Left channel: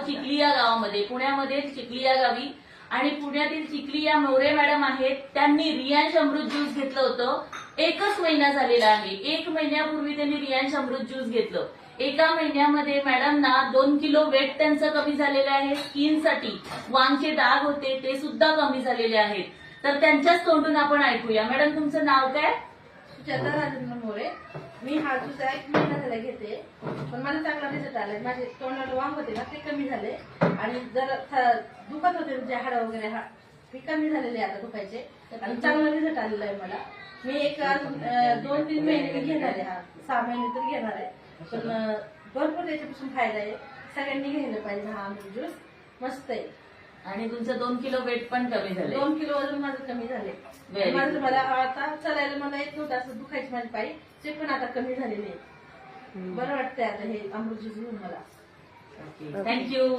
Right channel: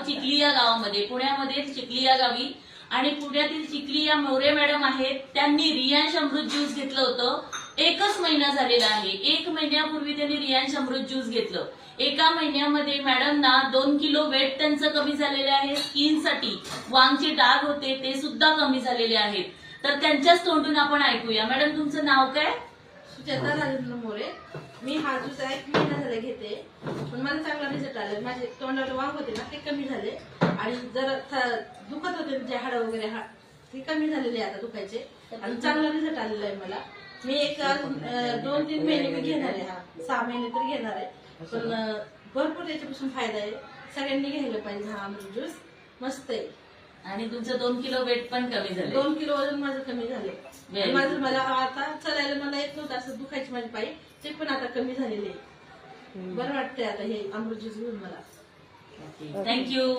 चिखली या गावामध्ये, पुण्यामध्ये चिखली या गावी. आणि पुण्यातील चिखली या मोरे मॅडम आहेत, त्यांनी रियांश अमृत ज्यूस घेतलं होतं. 1च महिना झालेला आहे. 1 महिन्यापूर्वी त्यांनी रियांश अमृत ज्यूस घेतलं. एका महिन्यामध्ये मॅडमना 2 किलो वेट त्यांचं कमी झालेलं आहे. स्किनसाठी वांगचे डाग होते ते सुद्धा कमी झालेले आहेत. तर त्यांच्याच तोंडून आपण ऐकूया. मॅडम, तुमचं नाव काय? सुजाता राजेंद्र मोरे. मी हा ज्यूस 1 महिना झाला घेते, पण मला चांगला रिझल्ट आलाय. माझे तोंडाला वांग होते ना, ते कमी झाले. आणि जर दुखत होते जे हाडं वगैरे ते कमी झालेले आता दुखायचे. आणि चांगला रिझल्ट आलेला आहे मला. मी एक 2-3 महिने घेणार आहे. 6 महिने तर घेणार आहे. पण भरपूर त्याच्यापासून फायदा आहे. सगळ्यांनी घ्यायला पाहिजे हा अमृत ज्यूस. मस्त आहे. आणि तुमचं 2 किलो वेट पण कमी झालं. 2 किलो वजन माझं कमी झाले. माझं मला आता चालायला मला येत नव्हतं, असं दुखायचे माझे पायी, ते पण आता कमी झालेले. बरं वाटतंय आता हे अमृत ज्यूस घेऊन मला. थँक्यू.